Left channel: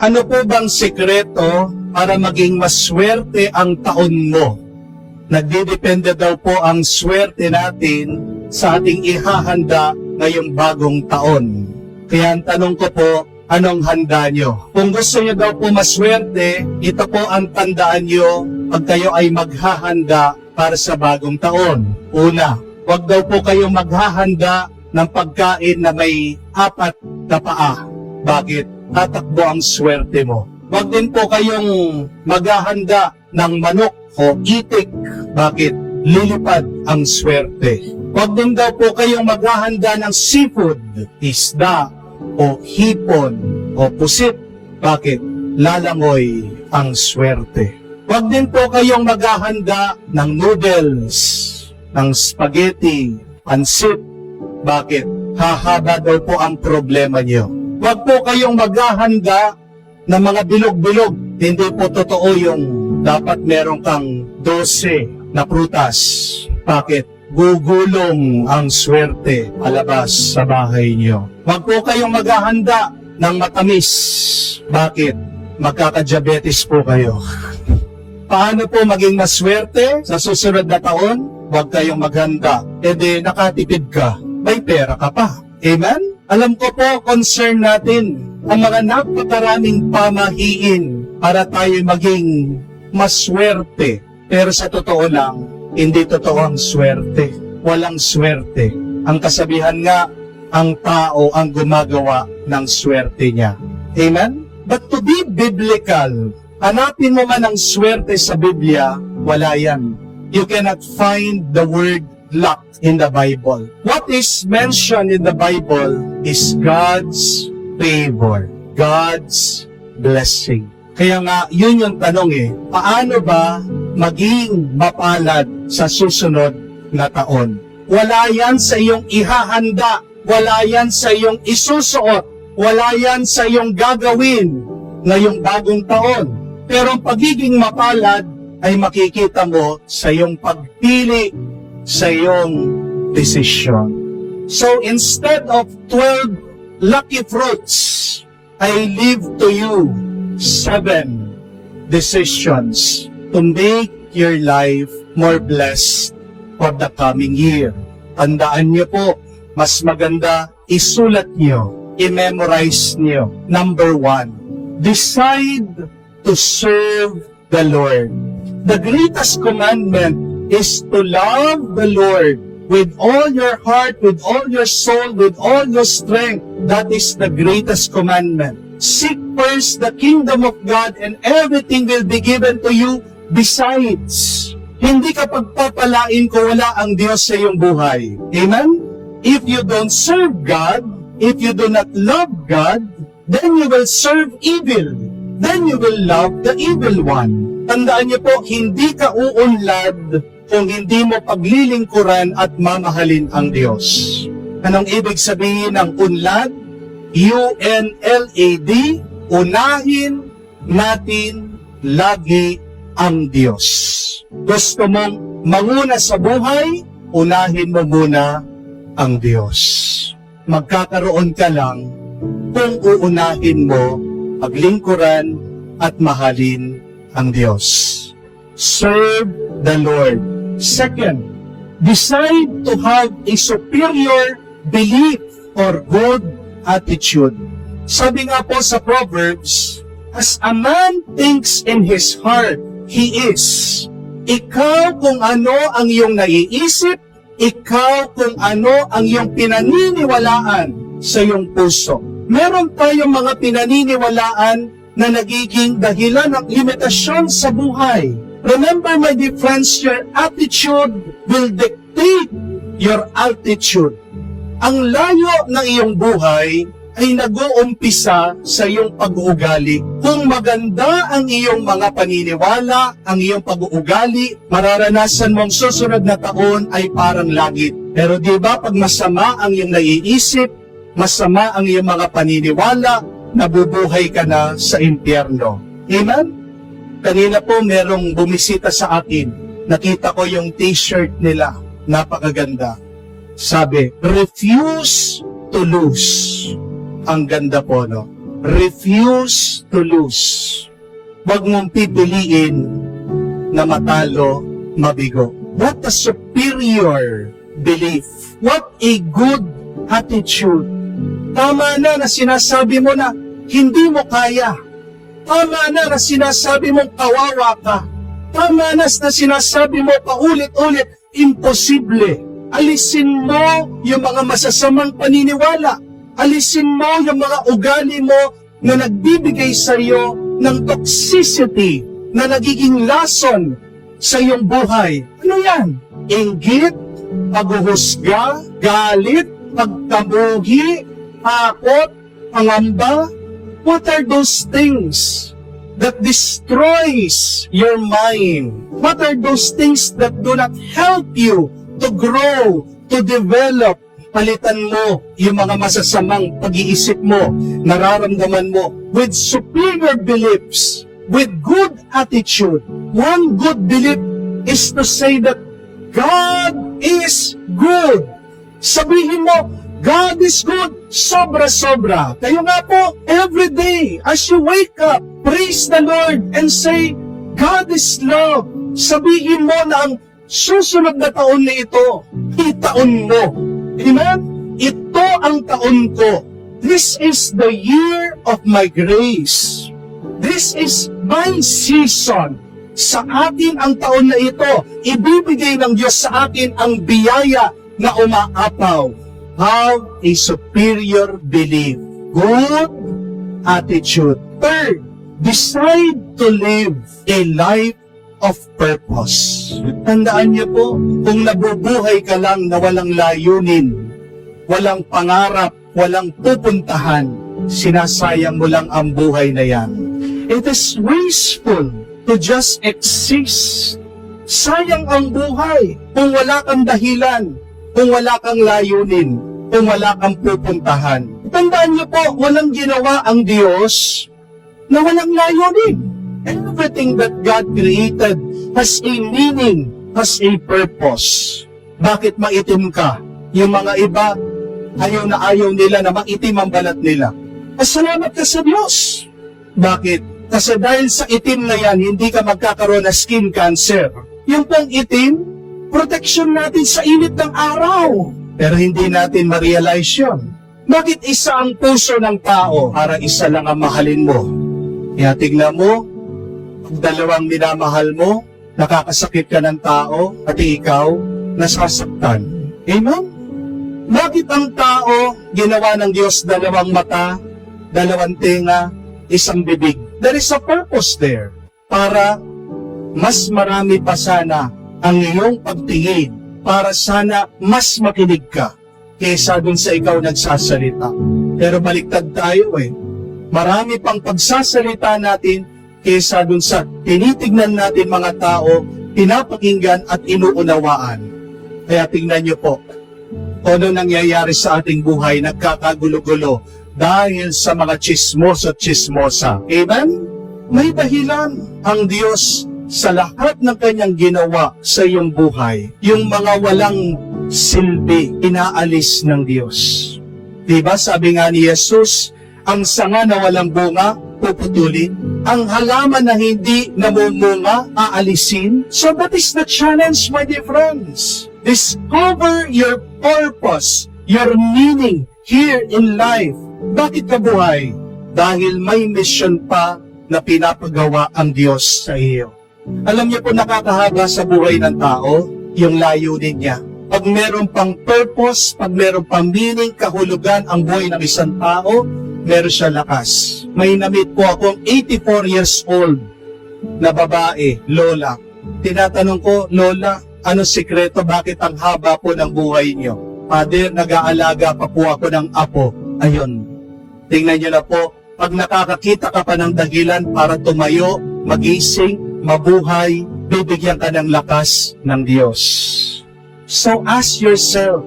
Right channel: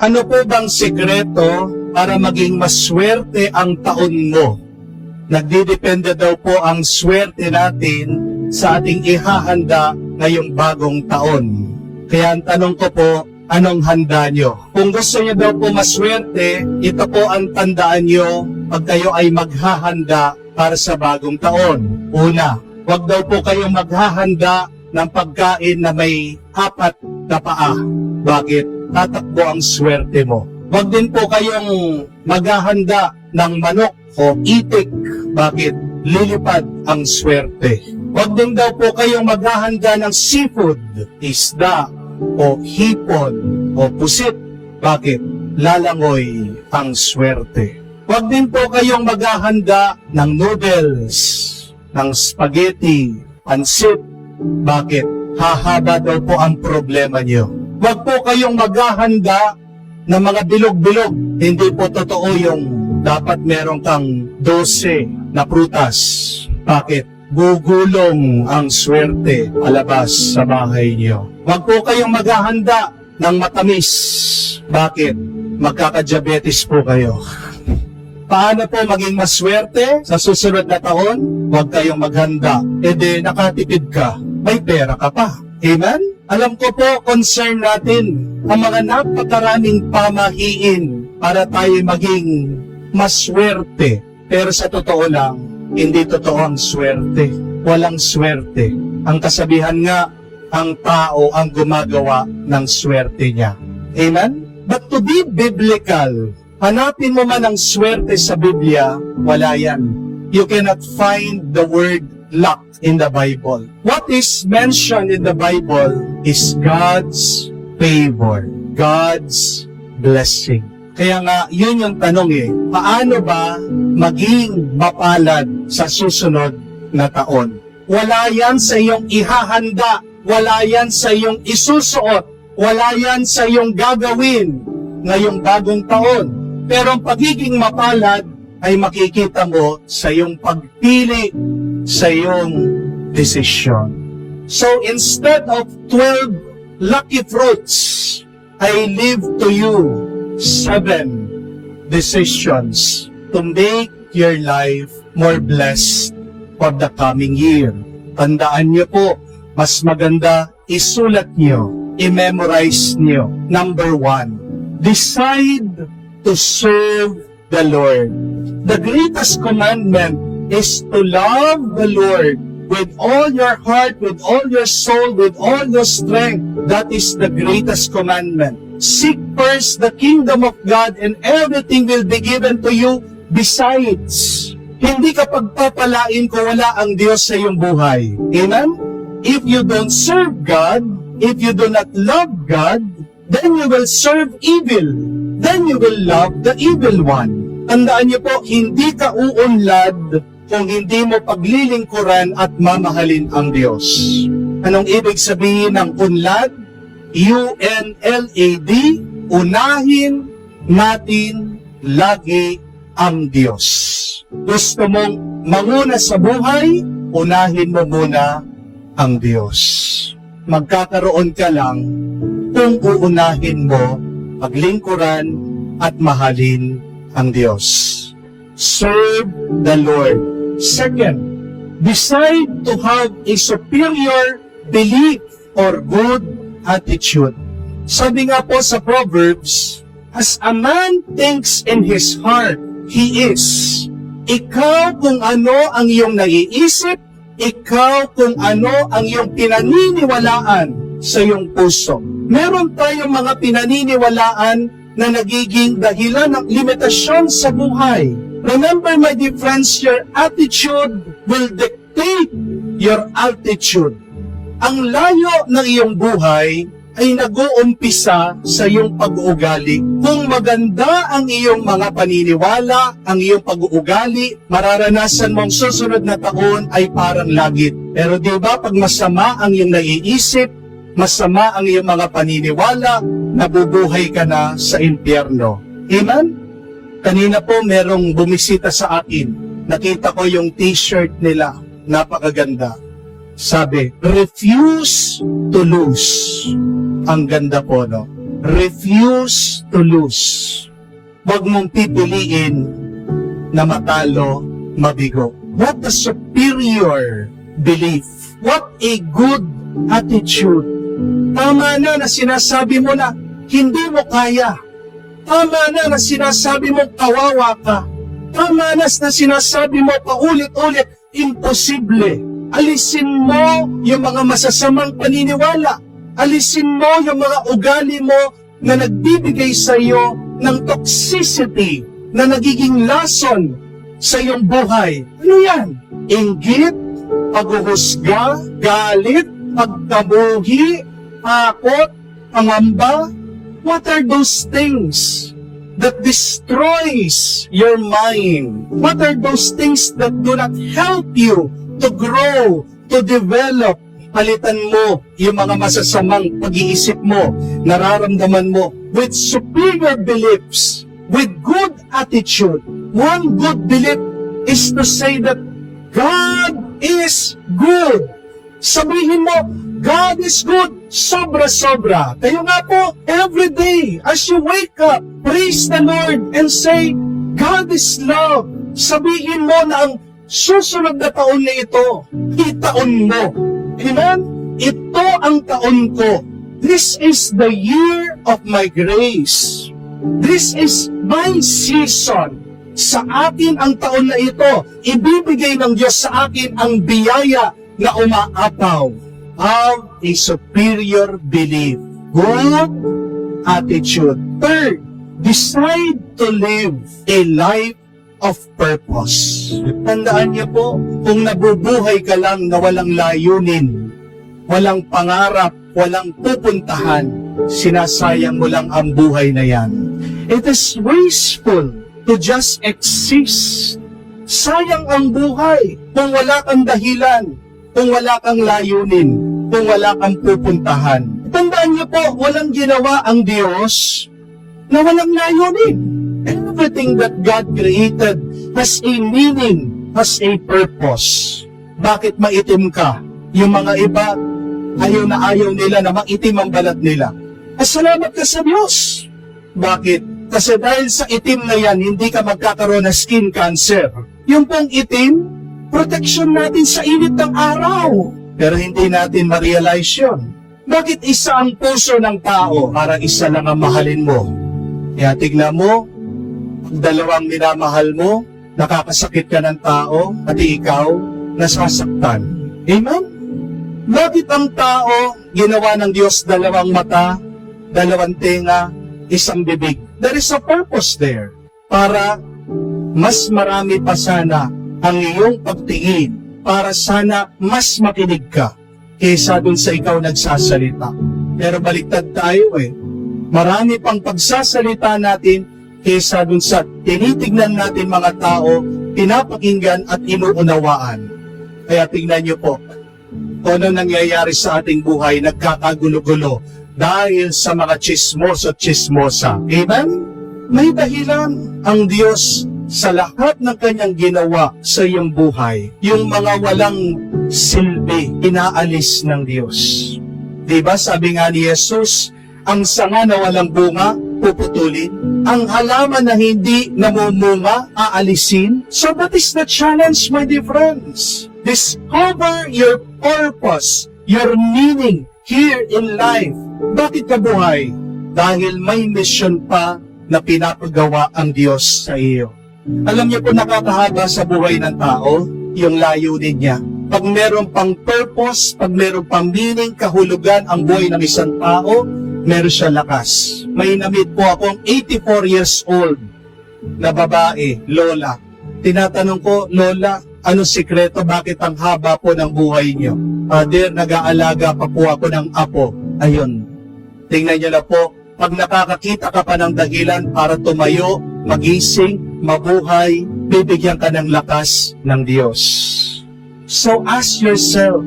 Ano po bang sikreto para maging maswerte ang taon mo? Nagdidepende daw po ang swerte natin sa ating ihahanda ngayong bagong taon. Kaya ang tanong ko po, anong handa nyo? Kung gusto nyo daw po maswerte, ito po ang tandaan nyo pag kayo ay maghahanda para sa bagong taon. Una, huwag daw po kayong maghahanda ng pagkain na may 4 na paa. Bakit? Tatakbo ang swerte mo. Huwag din po kayong maghahanda ng manok o itik. Bakit? Lilipad ang swerte. Huwag din daw po kayong maghahanda ng seafood, isda, o hipon, o pusit. Bakit? Lalangoy ang swerte. Huwag din po kayong maghahanda ng noodles, ng spaghetti, pansit. Bakit? Hahaba daw po ang problema niyo. Huwag po kayong maghahanda ng mga bilog-bilog. Hindi po totoo yung dapat meron kang 12 na prutas. Bakit? Gugulong ang swerte alabas sa bahay niyo. Huwag po kayong maghahanda ng matamis. Bakit? Magkaka-diabetes po kayo. Paano po maging maswerte sa susunod na taon? Huwag kayong maghanda. Hindi nakatipid ka. May pera ka pa. Amen? Alam ko po, concern natin ang mga napakaraming pamahiin para tayo maging maswerte. Pero sa totoo lang, hindi totoo ang swerte. Walang swerte. Ang kasabihan nga, ang tao ang gumagawa ng swerte niya. Amen? But to be biblical, hanapin mo man ang swerte sa Biblia, wala yan. You cannot find the word luck in the Bible. What is mentioned in the Bible is God's favor, God's blessing. Kaya nga, yun yung tanong paano ba maging mapalad sa susunod na taon? Wala yan sa iyong ihahanda, wala yan sa iyong isusuot, wala yan sa iyong gagawin ngayong bagong taon. Pero ang pagiging mapalad ay makikita mo sa iyong pagpili, sa iyong desisyon. So instead of 12 lucky fruits, I leave to you 7 decisions to make your life more blessed for the coming year. Tandaan niyo po, mas maganda isulat niyo, i-memorize niyo. Number 1, decide to serve the Lord. The greatest commandment is to love the Lord with all your heart, with all your soul, with all your strength. That is the greatest commandment. Seek first the kingdom of God and everything will be given to you besides. Hindi ka pagpapalain kung wala ang Diyos sa iyong buhay. Amen? If you don't serve God, if you do not love God, then you will serve evil. Then you will love the evil one. Tandaan niyo po, hindi ka uunlad kung hindi mo paglilingkuran at mamahalin ang Diyos. Anong ibig sabihin ng unlad? UNLAD, unahin natin lagi ang Diyos. Gusto mong manguna sa buhay, unahin mo muna ang Diyos. Magkakaroon ka lang kung uunahin mo paglingkuran at mahalin ang Diyos. Serve the Lord. Second, decide to have a superior belief or good attitude. Sabi nga po sa Proverbs, as a man thinks in his heart, he is. Ikaw kung ano ang iyong naiisip, ikaw kung ano ang iyong pinaniniwalaan sa iyong puso. Meron tayong mga pinaniniwalaan na nagiging dahilan ng limitasyon sa buhay. Remember, my dear friends, your attitude will dictate your altitude. Ang layo ng iyong buhay ay nag-uumpisa sa iyong pag-uugali. Kung maganda ang iyong mga paniniwala, ang iyong pag-uugali, mararanasan mong susunod na taon ay parang langit. Pero di ba pag masama ang iyong naiisip, masama ang iyong mga paniniwala, nabubuhay ka na sa impyerno. Amen? Kanina po merong bumisita sa akin. Nakita ko yung t-shirt nila. Napakaganda. Sabi, refuse to lose. Ang ganda po, no? refuse to lose. Huwag mong pipiliin na matalo, mabigo. What a superior belief. What a good attitude. Tama na sinasabi mo na hindi mo kaya. Tama na sinasabi mo kawawa ka. Tama na sinasabi mo paulit-ulit, imposible. Alisin mo yung mga masasamang paniniwala. Alisin mo yung mga ugali mo na nagbibigay sa iyo ng toxicity na nagiging lason sa iyong buhay. Ano yan? Inggit, paghuhusga, galit, pagtabuhi, takot, pangamba. What are those things that destroys your mind? What are those things that do not help you to grow, to develop? Palitan mo yung mga masasamang pag-iisip mo, nararamdaman mo with superior beliefs, with good attitude. One good belief is to say that God is good. Sabihin mo, God is good, sobra-sobra. Kayo nga po, every day, as you wake up, praise the Lord and say, God is love. Sabihin mo na ang susunod na taon na ito, itaon mo. Amen? Ito ang taon ko. This is the year of my grace. This is my season. Sa akin ang taon na ito, ibibigay ng Diyos sa akin ang biyaya na umaapaw. Have a superior belief. Good attitude. Third, decide to live a life of purpose. Tandaan niyo po, kung nabubuhay ka lang na walang layunin, walang pangarap, walang pupuntahan, sinasayang mo lang ang buhay na yan. It is wasteful to just exist. Sayang ang buhay kung wala kang dahilan, kung wala kang layunin, kung wala kang pupuntahan. Tandaan niyo po, walang ginawa ang Diyos na walang layunin. Everything that God created has a meaning, has a purpose. Bakit maitim ka? Yung mga iba, ayaw nila na maitim ang balat nila. Salamat ka sa Diyos. Bakit? Kasi dahil sa itim na yan, hindi ka magkakaroon ng skin cancer. Yung pang itim, protection natin sa init ng araw. Pero hindi natin ma-realize yun. Bakit isa ang puso ng tao para isa lang ang mahalin mo? Kaya tignan mo, dalawang minamahal mo, nakakasakit ka ng tao, at ikaw, nasasaktan. Amen? Bakit ang tao, ginawa ng Diyos dalawang mata, dalawang tenga, isang bibig? There is a purpose there. Para mas marami pa sana ang iyong pagtingin, para sana mas makinig ka, kaysa dun sa ikaw nagsasalita. Pero baliktad tayo Marami pang pagsasalita natin, kaysa dun sa tinitignan natin mga tao, pinapakinggan at inuunawaan. Kaya tingnan niyo po, kung ano nangyayari sa ating buhay, nagkakagulo-gulo dahil sa mga chismoso-chismosa. Amen? May dahilan ang Diyos sa lahat ng kanyang ginawa sa iyong buhay. Yung mga walang silbi, inaalis ng Diyos. Diba sabi nga ni Jesus, ang sanga na walang bunga, puputulin. Ang halaman na hindi namumunga, aalisin. So that is the challenge, my dear friends. Discover your purpose, your meaning here in life. Bakit ka buhay? Dahil may mission pa na pinapagawa ang Diyos sa iyo. Alam niyo po, nakakahaba sa buhay ng tao, yung layunin niya. Pag meron pang purpose, pag meron pang meaning, kahulugan ang buhay ng isang tao, meron siya lakas. May namit po akong 84 years old na babae, lola. Tinatanong ko, lola, ano sikreto, bakit ang haba po ng buhay niyo? Father, nag-aalaga pa po ako ng apo. Ayun. Tingnan niyo na po, pag nakakakita ka pa ng dahilan para tumayo, magising, mabuhay, bibigyan ka ng lakas ng Diyos. So ask yourself,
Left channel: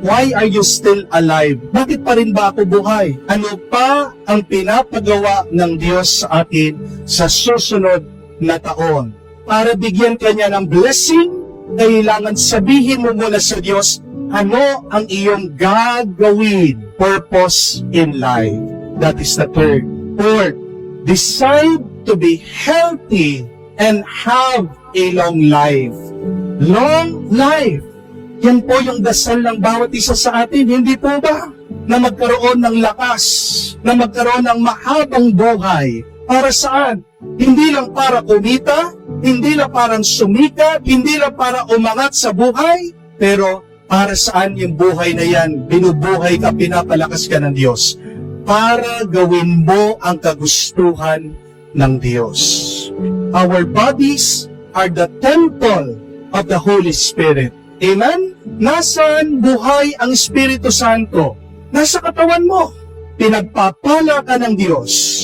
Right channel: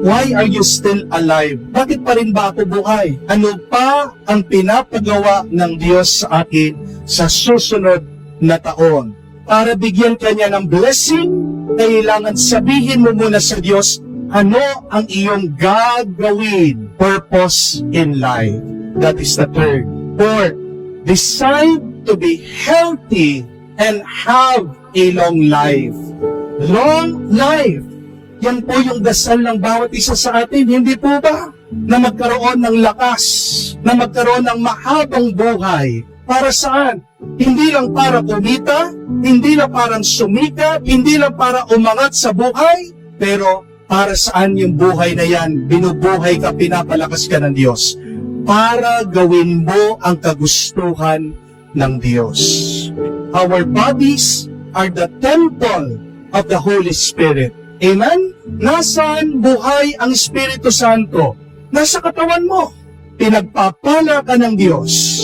why are you still alive? Bakit pa rin ba ako buhay? Ano pa ang pinapagawa ng Diyos sa akin sa susunod na taon? Para bigyan ka niya ng blessing, kailangan sabihin mo muna sa Diyos, ano ang iyong gagawin? Purpose in life. That is the third. Fourth, decide to be healthy and have a long life. Long life. Yan po yung dasal ng bawat isa sa atin, hindi po ba? Na magkaroon ng lakas, na magkaroon ng mahabang buhay. Para saan? Hindi lang para kumita, hindi lang parang sumikat, hindi lang para umangat sa buhay, pero para saan yung buhay na yan? Binubuhay ka, pinapalakas ka ng Diyos. Para gawin mo ang kagustuhan ng Diyos. Our bodies are the temple of the Holy Spirit. Amen? Nasaan buhay ang Espiritu Santo? Nasa katawan mo. Pinagpapala ka ng Diyos.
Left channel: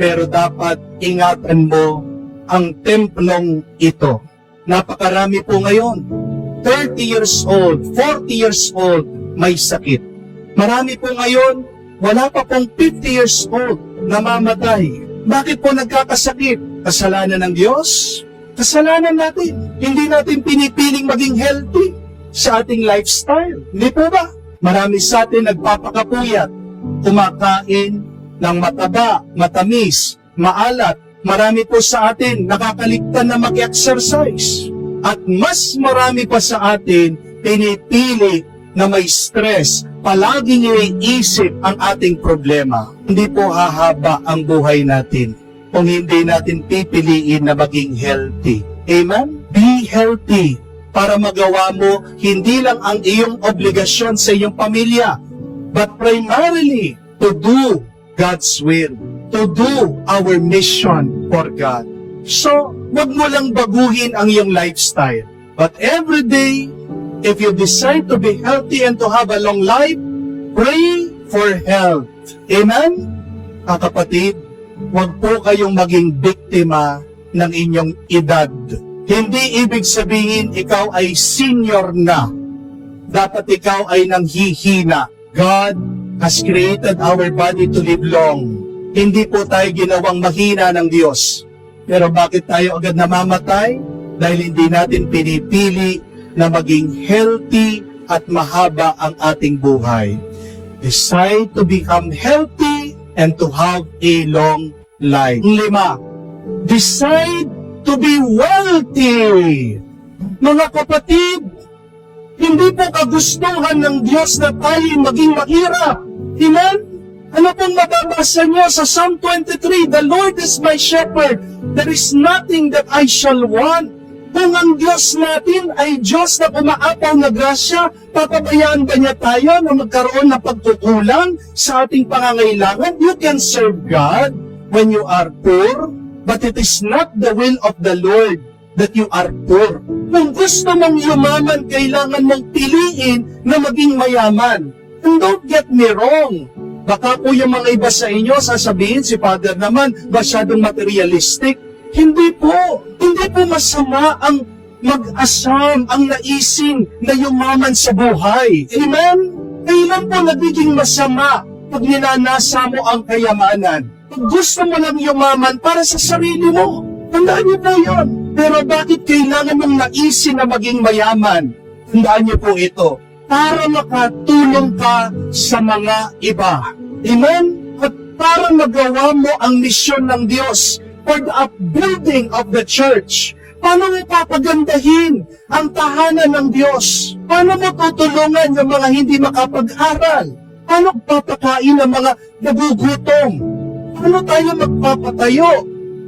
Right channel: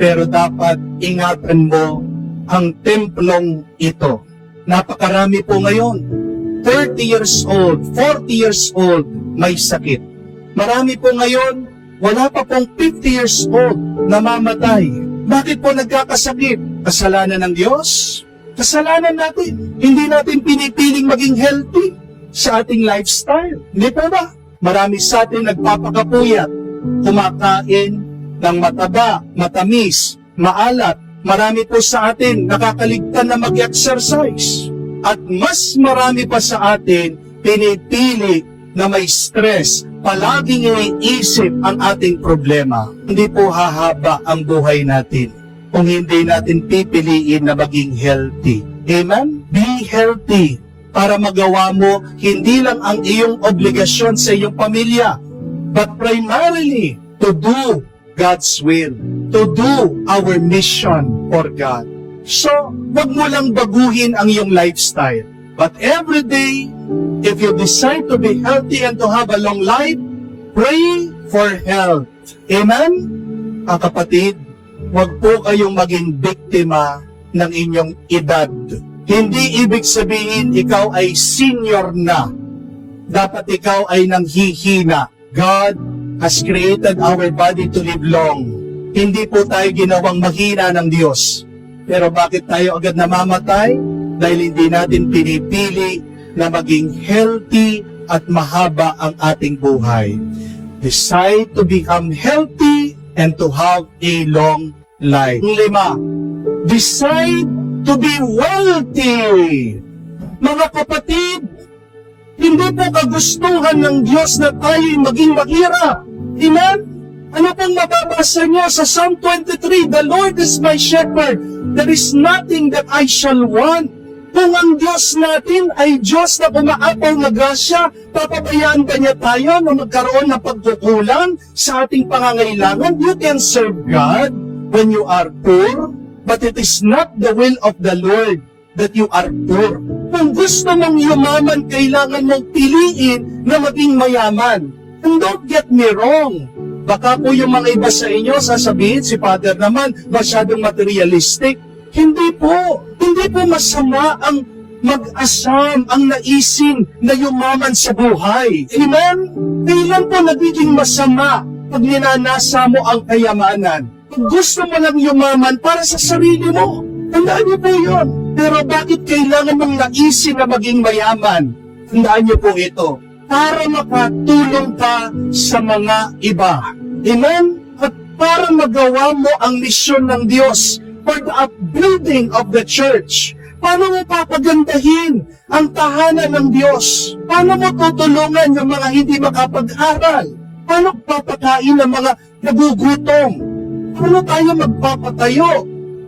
Pero dapat ingatan mo ang templong ito. Napakarami po ngayon. 30 years old, 40 years old, may sakit. Marami po ngayon, wala pa pong 50 years old, namamatay. Bakit po nagkakasakit? Kasalanan ng Diyos? Kasalanan natin. Hindi natin pinipiling maging healthy sa ating lifestyle. Hindi po ba? Marami sa atin nagpapakapuyat, kumakain ng mataba, matamis, maalat. Marami po sa atin nakakaligtan na mag-exercise. At mas marami pa sa atin pinipili na may stress, palaging iniisip ang ating problema. Hindi po hahaba ang buhay natin kung hindi natin pipiliin na maging healthy. Amen? Be healthy para magawa mo hindi lang ang iyong obligasyon sa iyong pamilya, but primarily to do God's will, to do our mission for God. So, wag mo lang baguhin ang iyong lifestyle. But every day, if you decide to be healthy and to have a long life, pray for health. Amen? Mga kapatid, wag po kayong maging biktima ng inyong edad. Hindi ibig sabihin ikaw ay senior na. Dapat ikaw ay nanghihina. God has created our body to live long. Hindi po tayo ginawang mahina ng Diyos. Pero bakit tayo agad namamatay? Dahil hindi natin pinipili na maging healthy at mahaba ang ating buhay. Decide to become healthy and to have a long life. 5, decide to be wealthy. Mga kapatid, hindi po kagustuhan ng Diyos na tayo'y maging mahirap. Amen? Ano pong mababasa niya sa Psalm 23? The Lord is my shepherd. There is nothing that I shall want. Kung ang Diyos natin ay Diyos na umaapaw na grasya, papabayaan ba niya tayo na magkaroon ng pagkukulang sa ating pangangailangan? You can serve God when you are poor, but it is not the will of the Lord that you are poor. Kung gusto mong yumaman, kailangan mong piliin na maging mayaman. And don't get me wrong. Baka po yung mga iba sa inyo, sasabihin si Father naman, masyadong materialistic. Hindi po masama ang mag-asam, ang naisin na yumaman sa buhay. Amen? Kailan po nagiging masama pag ninanasa mo ang kayamanan? Kung gusto mo lang yumaman para sa sarili mo, tandaan niyo po yun. Pero bakit kailangan mong naisin na maging mayaman? Tandaan niyo po ito. Para makatulong ka sa mga iba. Amen? At para magawa mo ang misyon ng Diyos for the upbuilding of the church. Paano mo papagandahin ang tahanan ng Diyos? Paano mo tutulungan yung mga hindi makapag-aral? Paano papakain ang mga nagugutom? Paano tayo magpapatayo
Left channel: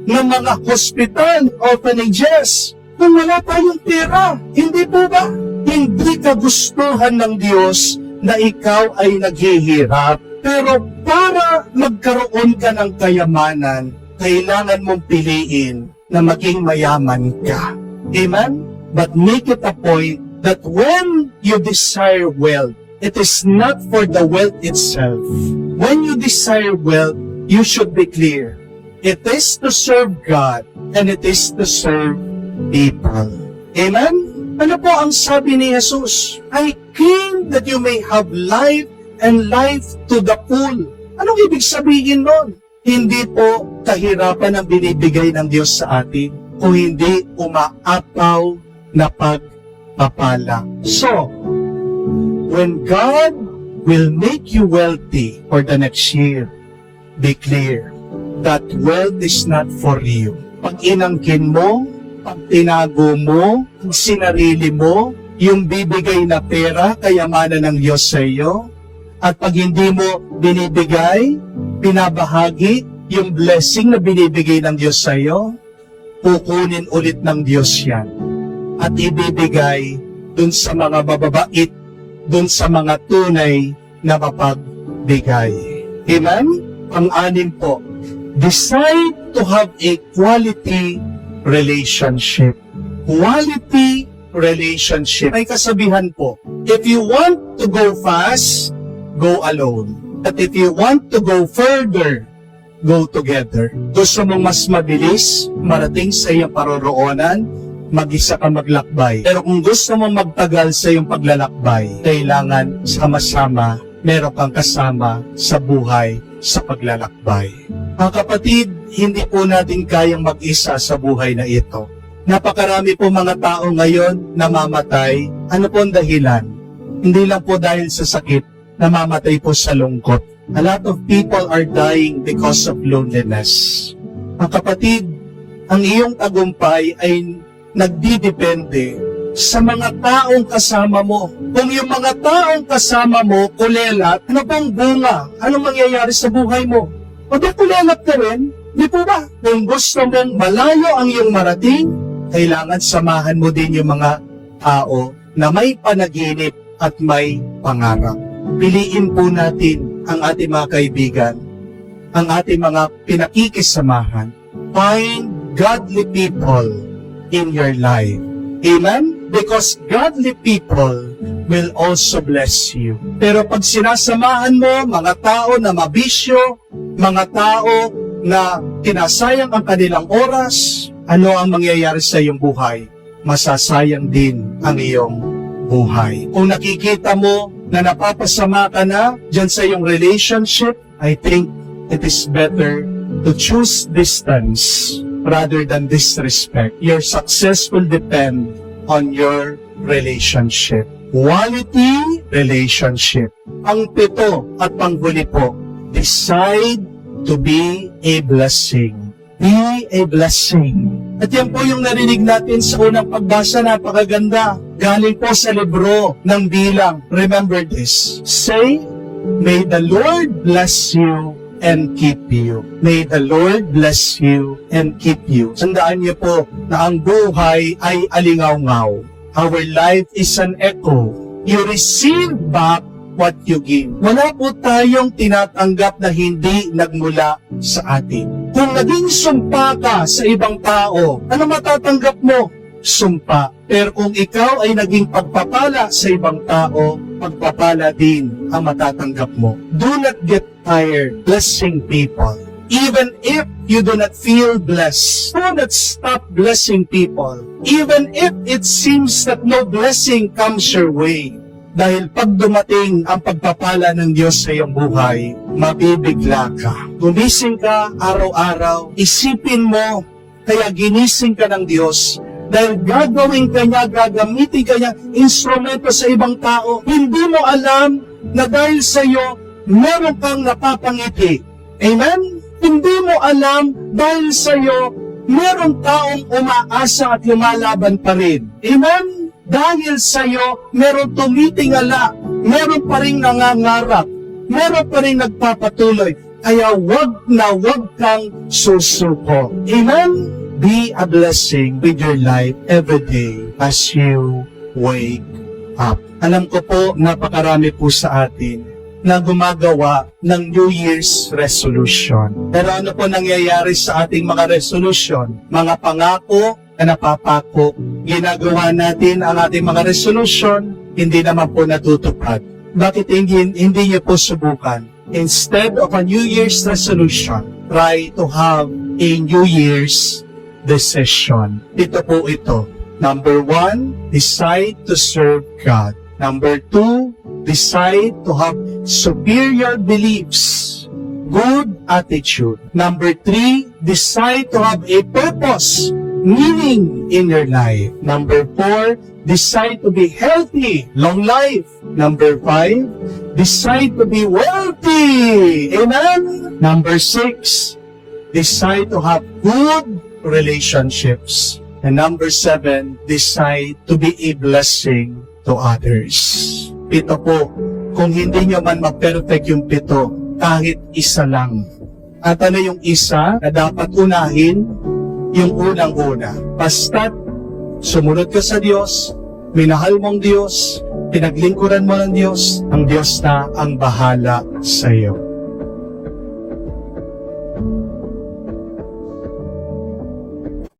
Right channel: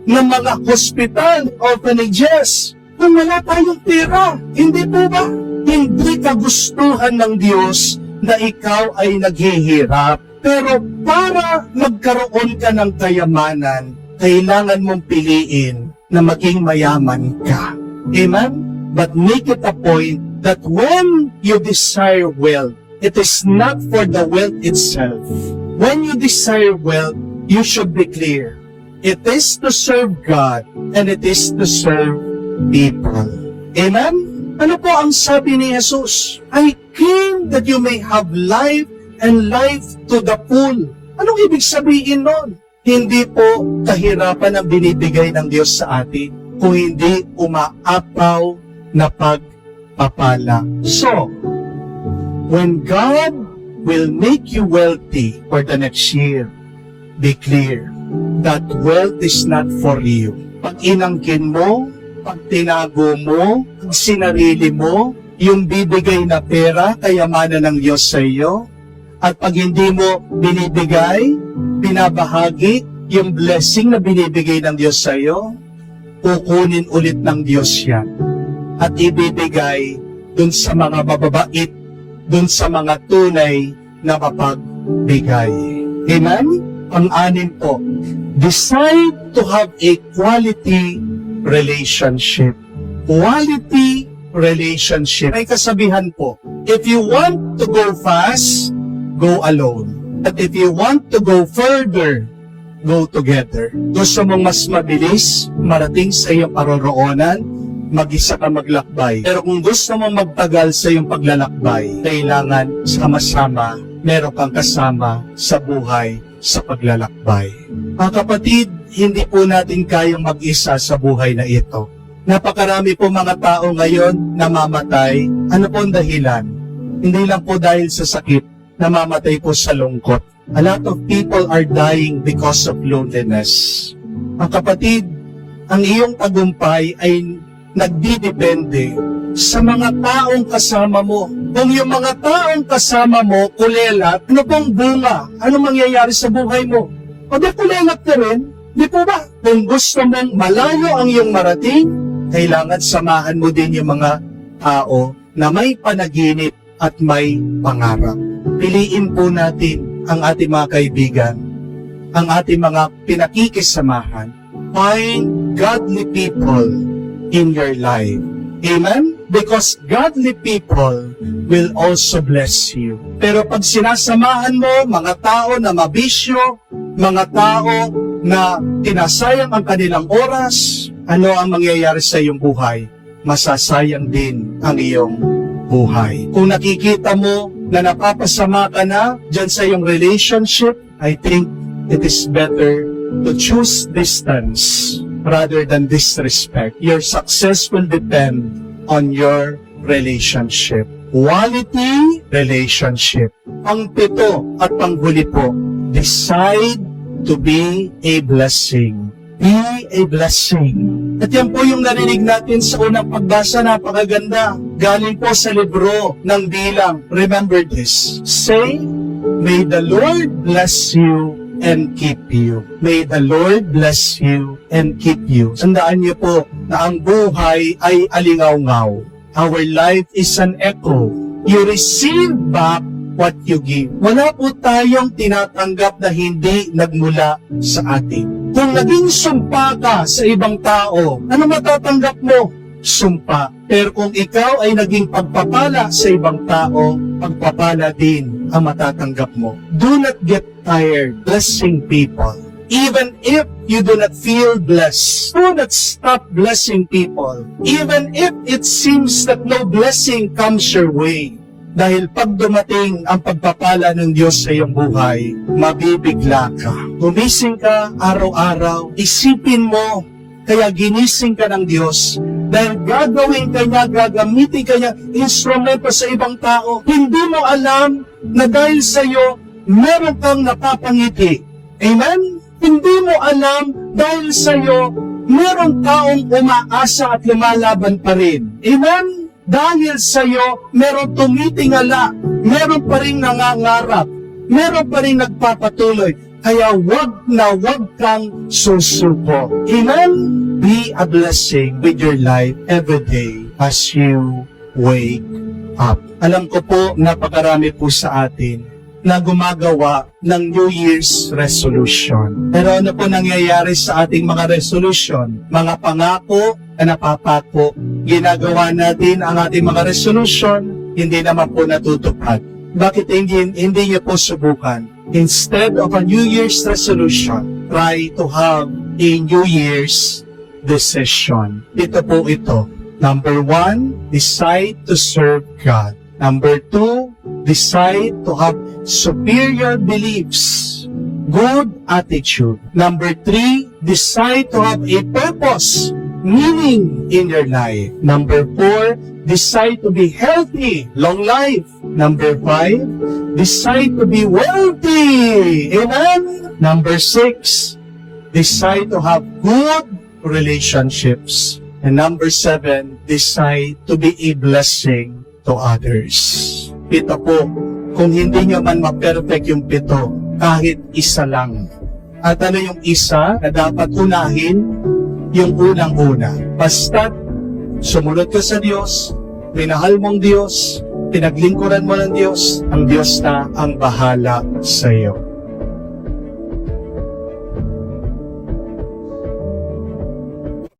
ng mga hospital, orphanages? Kung wala tayong pera, hindi po ba? Hindi kagustuhan ng Diyos na ikaw ay naghihirap. Pero para magkaroon ka ng kayamanan, kailangan mong piliin na maging mayaman ka. Amen? But make it a point that when you desire wealth, it is not for the wealth itself. When you desire wealth, you should be clear. It is to serve God and it is to serve people. Amen? Ano po ang sabi ni Jesus? I came that you may have life and life to the full. Anong ibig sabihin nun? Hindi po kahirapan ang binibigay ng Diyos sa atin, kung hindi umaapaw na pagpapala. So, when God will make you wealthy for the next year, be clear that wealth is not for you. Pag inangkin mo, pag tinago mo, sinarili mo, yung bibigay na pera, kayamanan ng Diyos sa iyo, at pag hindi mo binibigay, pinabahagi, yung blessing na binibigay ng Diyos sa iyo, kukunin ulit ng Diyos yan. At ibibigay dun sa mga mababait, dun sa mga tunay na mapagbigay. Amen? Pang-anim po, decide to have a quality relationship. Quality relationship. May kasabihan po, if you want to go fast, go alone. But if you want to go further, go together. Gusto mong mas mabilis marating sa iyong paroroonan, mag-isa ka maglakbay. Pero kung gusto mong magtagal sa iyong paglalakbay, kailangan sama-sama, meron kang kasama sa buhay sa paglalakbay. Mga kapatid, hindi po natin kayang mag-isa sa buhay na ito. Napakarami po mga tao ngayon namamatay. Ano po ang dahilan? Hindi lang po dahil sa sakit, namamatay po sa lungkot. A lot of people are dying because of loneliness. Ang kapatid, ang iyong tagumpay ay nagdidepende sa mga taong kasama mo. Kung yung mga taong kasama mo, kulelat, ano pang bunga? Ano mangyayari sa buhay mo? O di kulelat ka rin? Di po ba? Kung gusto mong malayo ang iyong marating, kailangan samahan mo din yung mga tao na may panaginip at may pangarap. Piliin po natin ang ating mga kaibigan, ang ating mga pinakikisamahan. Find godly people in your life. Amen? Because godly people will also bless you. Pero pag sinasamahan mo mga tao na mabisyo, mga tao na tinasayang ang kanilang oras, ano ang mangyayari sa iyong buhay? Masasayang din ang iyong buhay. Kung nakikita mo na napapasama ka na dyan sa iyong relationship, I think it is better to choose distance rather than disrespect. Your success will depend on your relationship. Quality relationship. Pang-pito at panghuli po, decide to be a blessing. Be a blessing. At yan po yung narinig natin sa unang pagbasa, napakaganda. Galing po sa libro ng Bilang. Remember this. Say, may the Lord bless you and keep you. May the Lord bless you and keep you. Tandaan niyo po na ang buhay ay alingaw-ngaw. Our life is an echo. You receive back what you give. Wala po tayong tinatanggap na hindi nagmula sa atin. Kung naging sumpa ka sa ibang tao, ano matatanggap mo? Sumpa. Pero kung ikaw ay naging pagpapala sa ibang tao, pagpapala din ang matatanggap mo. Do not get tired blessing people. Even if you do not feel blessed, do not stop blessing people. Even if it seems that no blessing comes your way. Dahil pag dumating ang pagpapala ng Diyos sa iyong buhay, mabibigla ka. Gumising ka araw-araw, isipin mo, kaya ginising ka ng Diyos, dahil gagawin ka niya, gagamitin ka niya, instrumento sa ibang tao. Hindi mo alam na dahil sa iyo, meron kang napapangiti. Amen? Hindi mo alam dahil sa iyo, meron taong umaasa at lumalaban pa rin. Amen? Dahil sa iyo, meron tumitingala, meron pa rin nangangarap, meron pa rin nagpapatuloy. Kaya wag na wag kang susuko. Amen? Be a blessing with your life every day as you wake up. Alam ko po, napakarami po sa atin na gumagawa ng New Year's resolution. Pero ano po nangyayari sa ating mga resolution? Mga pangako na napapako, ginagawa natin ang ating mga resolution, hindi naman po natutupad. Bakit hindi niya po subukan? Instead of a New Year's resolution, try to have a New Year's decision. Ito po ito. Number 1, decide to serve God. Number 2, decide to have superior beliefs, good attitude. Number 3, decide to have a purpose meaning in your life. Number 4, decide to be healthy, long life. Number 5, decide to be wealthy. Amen? Number 6, decide to have good relationships. And number 7, decide to be a blessing to others. 7 po, kung hindi nyo man ma-perfect yung 7, kahit isa lang. At ano yung isa na dapat unahin? Yung unang-una. Basta't sumunod ka sa Diyos, minahal mong Diyos, pinaglingkuran mo ng Diyos, ang Diyos na ang bahala sa iyo.